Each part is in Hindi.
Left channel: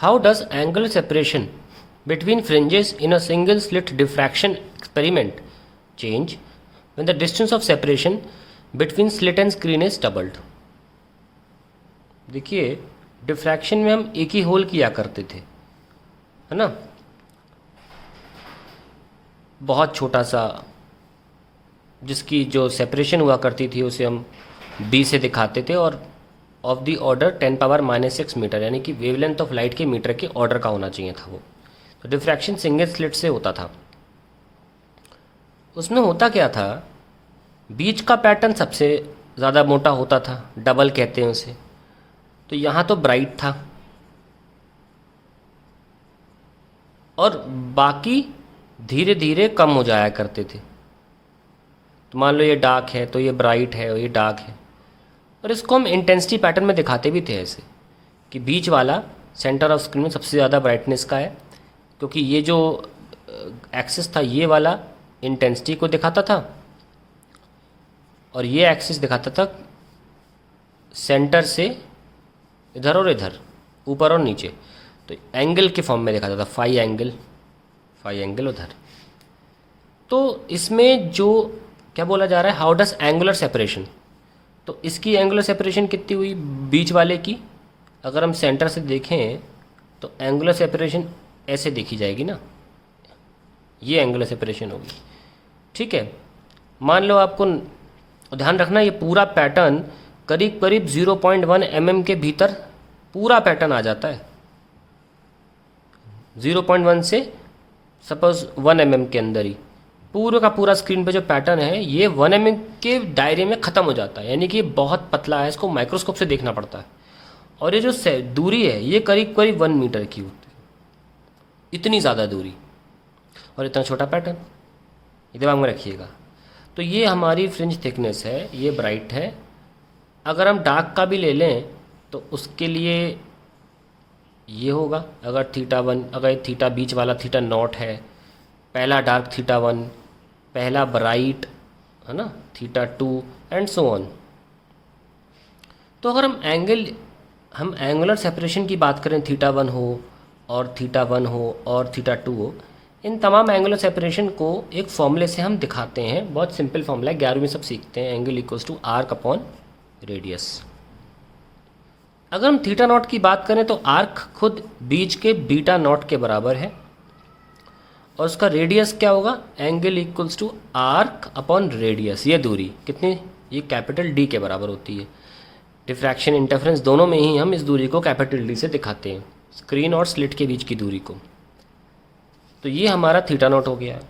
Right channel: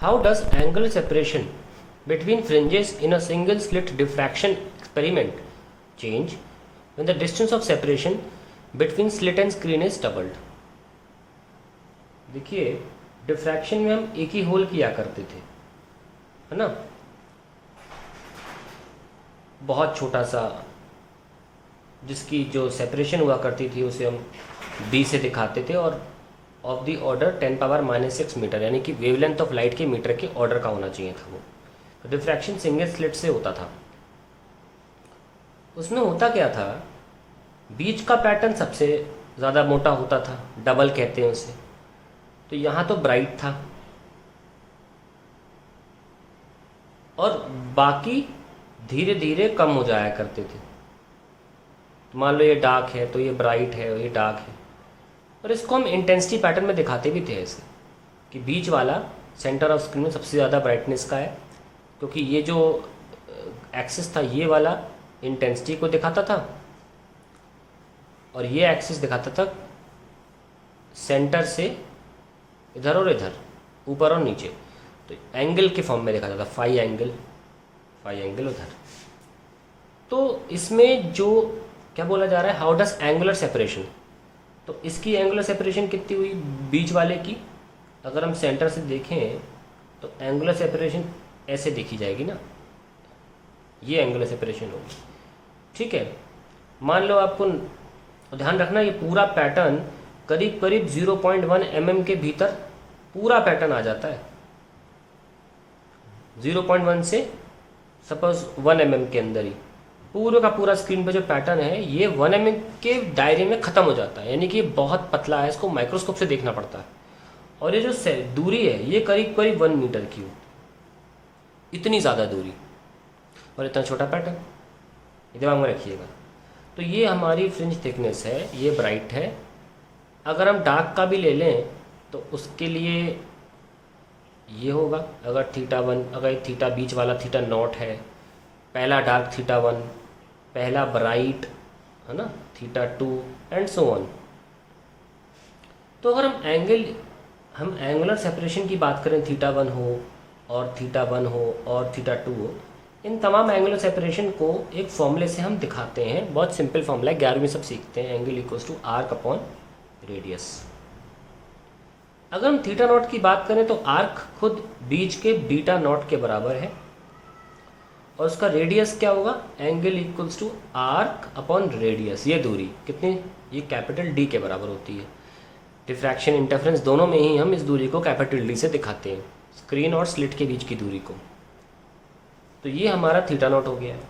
How does angle separation between fringes in a single slit diffraction experiment change when the distance of separation between slit and screen is doubled? देखिए, डिफ्रैक्शन में हम एक ही होल किया करते थे, है ना, बहुत छोटा सा, जिसकी जो सेपरेशन हुआ करती थी उसे हम बी से दिखाते थे, और ऑफ द ऑर्डर 10⁻⁻⁶ मीटर, यानी कि वेवलेंथ ऑफ लाइट के मीटर के ऑर्डर का होना चाहिए था वो। तो डिफ्रैक्शन सिंगल स्लिट से होता था। उसमें होता क्या था, बीच का पैटर्न सबसे ज़्यादा मोटा होता था, डबल कहते हैं उसे। तो यहाँ तो ब्राइट था और बाकी धीरे धीरे कम हो जाया करते थे। तो मान लो ये डार्क है तो ये ब्राइट है और ये डार्क है, और इसको हम इंटेंसिटी पैटर्न में दिखाते भी थे ऐसे कि बीच वाला सेंटर ऑफ स्क्रीन में सबसे ज़्यादा ब्राइटनेस का है, क्योंकि ये जो एक्सिस था ये वाला इंटेंसिटी को दिखाता था और ये एक्सिस दिखाता था सेंटर से इधर और इधर, ऊपर और नीचे। तो एंगल के फॉर्म में दिखाता था, फाई एंगल उधर। तो इसमें जो क्या बोला जा रहा है, हाउ डज एंगुलर सेपरेशन, तो इसकी एंगुलर सेपरेशन कितनी हुई बीच वाले की, अगर हम सेंटर से देखें तो एंगुलर सेपरेशन ऐसे देखी जाएगी ना, ये एंगुलर सेपरेशन होगी। ठीक है, मान लो आपको ध्यान रखना ये पूरा पैटर्न करीब करीब 0.1 mm के भीतर पूरा पैटर्न आ जाता है। 0.1 से सपोज 1 mm के अंदर ही पूरे का पूरा स्क्रीन पे जो पैटर्न है ये 1 mm के दायरे में ख़त्म हो जाता है, यानी कि बहुत पतला है, इसको माइक्रोस्कोप से देखना पड़ता है। और ये जो दूरी है ये करीब करीब 1 मीटर की होती है, इतनी ज़्यादा दूरी और इतना छोटा पैटर्न, ये दिमाग में रखिएगा। तो ये हमारी फ्रिंज थिकनेस है, ये ब्राइट है। अगर हम डार्क का भी ले लें तो उसके लिए ये होगा, अगर θ1, अगर थीटा बीच वाला θ0 है, पहला डार्क θ1, पहला ब्राइट है ना θ2 एंड सो ऑन। तो अगर हम एंगुलर सेपरेशन की बात करें, θ1 हो और θ1 हो और θ2 हो, इन तमाम एंगुलर सेपरेशन को एक फॉर्मूले से हम दिखाते हैं। बहुत सिंपल फॉर्मूला है, 11वीं में सब सीखते हैं, angle equals to arc upon radius. अगर हम θ0 की बात करें तो आर्क खुद बीच के β0 के बराबर है, और उसका रेडियस क्या होगा, angle equals to arc upon radius. ये दूरी कितनी, ये कैपिटल D के बराबर होती है। डिफ्रैक्शन इंटरफेरेंस दोनों में ही हम इस दूरी को कैपिटल D से दिखाते हैं, स्क्रीन और स्लिट के बीच की दूरी को। तो ये हमारा θ0 हो गया है।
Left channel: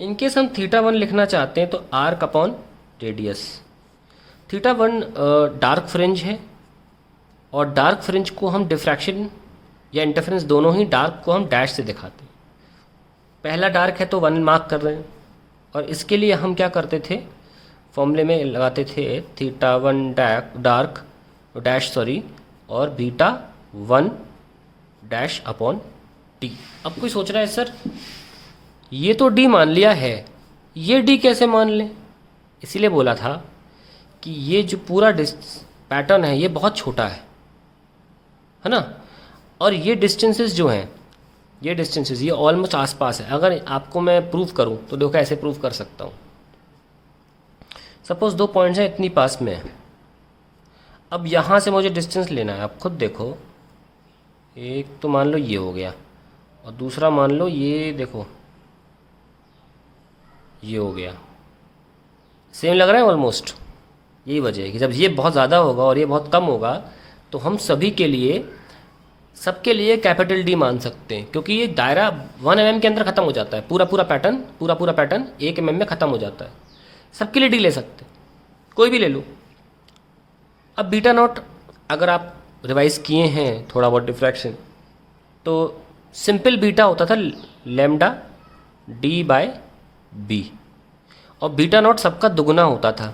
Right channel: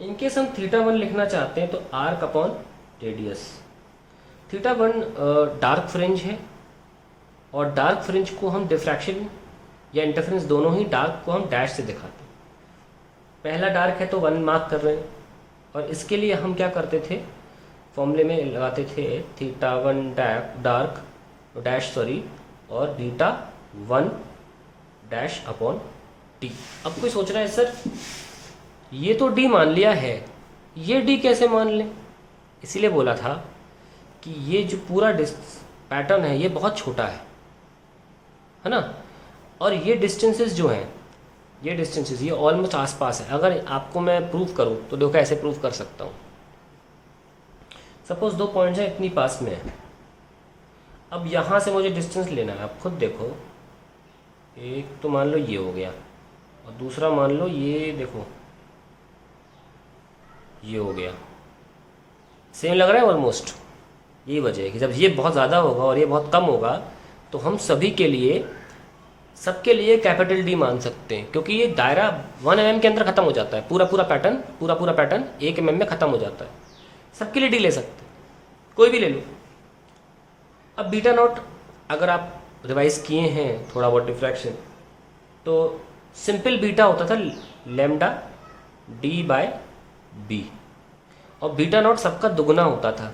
इनकेस हम θ1 लिखना चाहते हैं तो arc upon radius. θ1 dark fringe है, और डार्क फ्रिंज को हम डिफ्रैक्शन या इंटरफेरेंस दोनों ही, डार्क को हम डैश से दिखाते हैं। पहला डार्क है तो 1 मार्क कर रहे हैं, और इसके लिए हम क्या करते थे, फॉर्मूले में लगाते थे θ1 डार्क डैश और β1 डैश अपॉन D। अब कोई सोच रहा है सर ये तो D मान लिया है, ये D कैसे मान लें? इसीलिए बोला था कि ये जो पूरा पैटर्न है ये बहुत छोटा है ना, और ये डिस्टेंसेस जो हैं, ये डिस्टेंसेस ये ऑलमोस्ट आसपास है। अगर आपको मैं प्रूफ करूं तो देखो ऐसे प्रूफ कर सकता हूं। सपोज 2 पॉइंट्स हैं इतनी पास में, अब यहाँ से मुझे डिस्टेंस लेना है। आप खुद देखो, एक तो मान लो ये हो गया, और दूसरा मान लो ये, देखो ये हो गया। सेम लग रहा है ऑलमोस्ट। यही वजह है कि जब ये बहुत ज़्यादा होगा और ये बहुत कम होगा तो हम सबके लिए कैपिटल D मान सकते हैं, क्योंकि ये दायरा 1 mm के अंदर ख़त्म हो जाता है। पूरा पैटर्न 1 mm में ख़त्म हो जाता है। सबके लिए D ले सकते हैं, कोई भी ले लो। अब β0 अगर आप रिवाइज किए हैं थोड़ा बहुत डिफ्रैक्शन, तो सिंपल बीटा होता था लैम्डा D/B, और β0 सबका दुगुना होता था,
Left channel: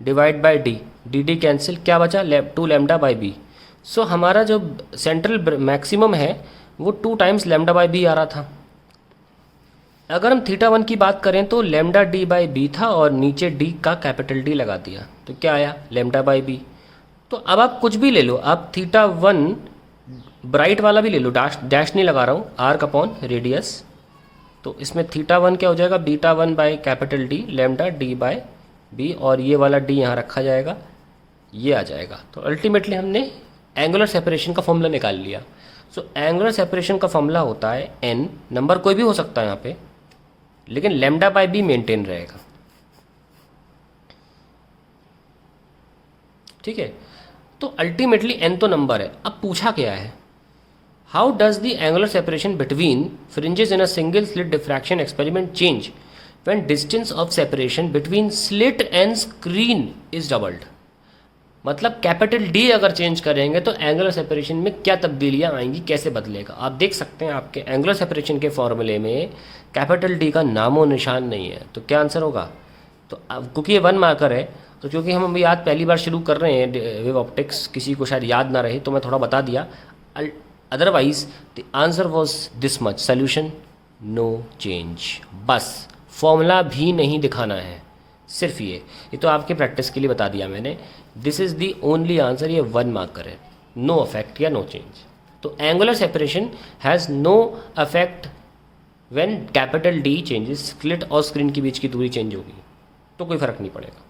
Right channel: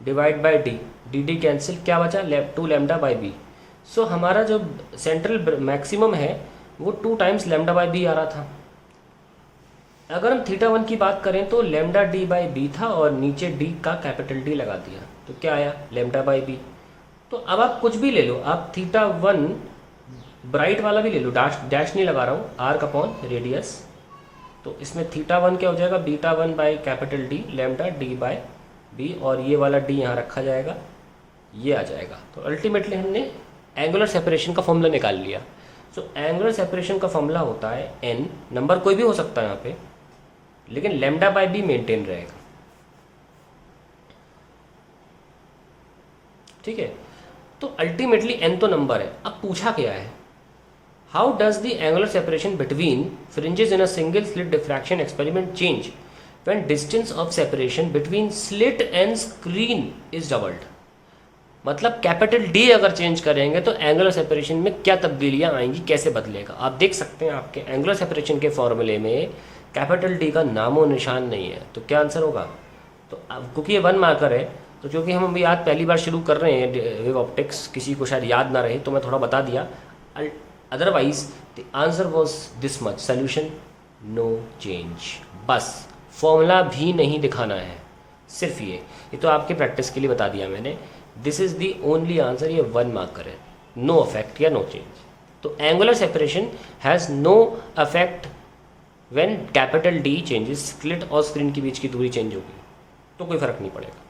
divide by D, D cancel, क्या बचा 2 λ/B। सो हमारा जो सेंट्रल मैक्सिमम है वो 2 टाइम्स λ/B आ रहा था। अगर हम θ1 की बात करें तो λD/B था, और नीचे D का कैपिटल D लगा दिया, तो क्या आया λ/B। तो अब आप कुछ भी ले लो, आप θ1 ब्राइट वाला भी ले लो, डैश डैश नहीं लगा रहा हूँ, आर्क अपॉन रेडियस। तो इसमें थीटा वन क्या हो जाएगा, beta one by capital D lambda D by B, और ये वाला डी यहाँ रखा जाएगा, ये आ जाएगा। तो अल्टीमेटली हमने एंगुलर सेपरेशन का फॉर्मूला निकाल लिया। सो एंगुलर सेपरेशन का फॉर्मूला होता है एन, नंबर कोई भी हो सकता है यहाँ पे, लेकिन लैम्डा बाय बी मेंटेन रहेगा। ठीक है, तो अल्टीमेटली एन तो नंबर है। अब पूछा क्या है, how does the angular separation between fringes in a single slit diffraction experiment change when distance of separation between slit and screen is doubled. मतलब कैपिटल डी अगर चेंज करेंगे तो एंगुलर सेपरेशन में क्या तब्दीलियां आएंगी, कैसे बदलेगा। आप देख सकते हैं आपके एंगुलर सेपरेशन के फॉर्मूले में कैपिटल डी का नामो निशान नहीं है, तो क्या आंसर होगा। तो अब क्योंकि ये 1 मार्कर है, तो क्योंकि हम अभी आज पहली बार शुरू कर रहे हैं वेव ऑप्टिक्स, किसी को शायद याद ना रहे तो मैं थोड़ा बता दिया। Otherwise the answer was this much, solution no change. बस फॉर्मूला भी नहीं दिखाना है, सिर्फ ये तो आपके प्रैक्टिस के लिए बता दिया मैंने। This is the only answer, ये 1 मार्कर है, नो अफेक्ट या नो चेंज। तो angular separation has no effect when capital D changes, slit और स्क्रीन के बीच की दूरी चेंज होगी तो कोई फर्क नहीं पड़ेगा।